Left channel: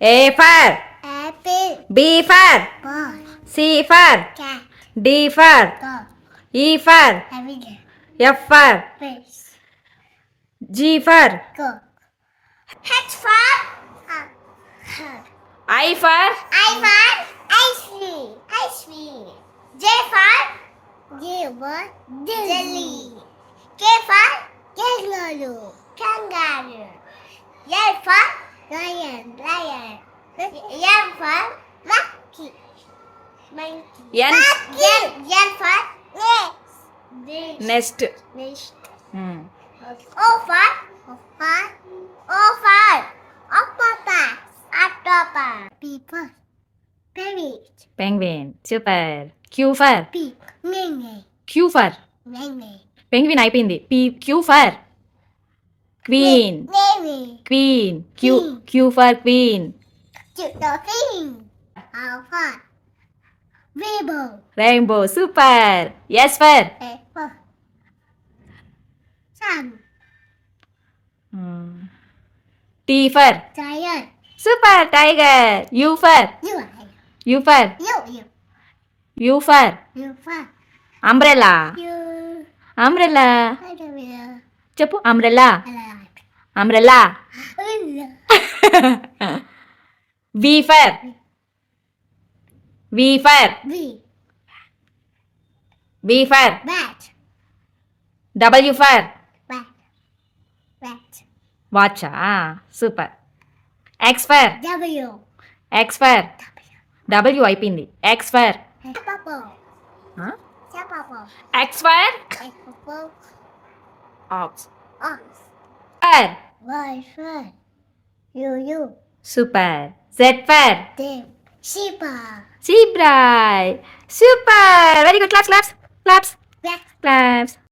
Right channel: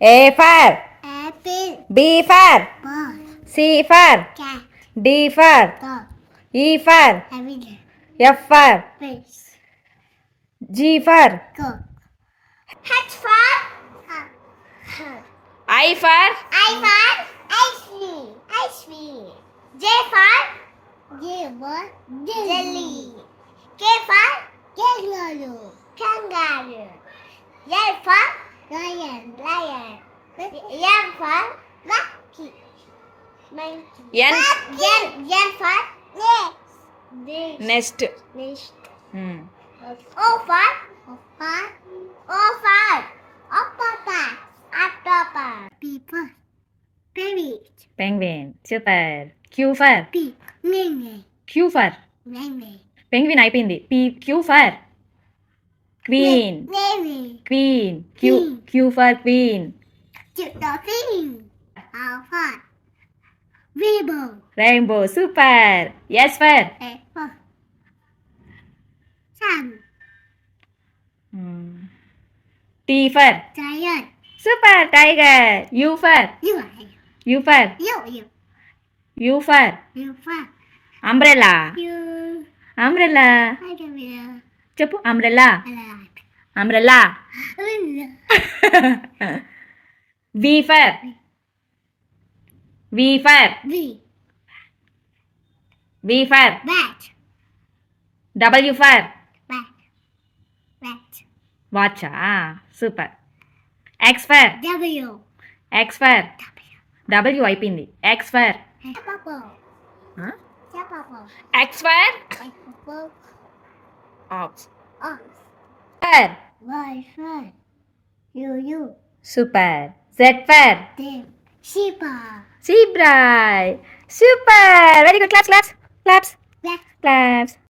A for apple, B for ball, C for cat, D for dog, E for everyday, F for face, G for go. H for heart. I for I for ice cream, ice cream. J for jelly. K for kangaroo. L for lion. M for monkey. N N for next. nest. Hmm. O for octopus. People. Baby. Penguin. Super. Q for Pig. Nene. Q for penguin అయిపోయింది. Q for queen. Navy. Queen. Queen. Q for queen. Dolphin. Alpha. Rainbow. Rainbow. Super. S for Apple. Sun. hmm. T for Giant. super. Tiger. U for You. U for U for You for umbrella. you. Umbrella. I don't know. చెప్పు umbrella. I Umbrella. like. V for V for B. V for Bat. W for Bat. Bat. watch. Super. X for W. X for W అయిపోయింది. X for Purple. huh? Purple. X for Purple. ox. Ox. For Y for you. super. Z for Then Sheba. zebra. Super. Very good. Claps. Black. Claps.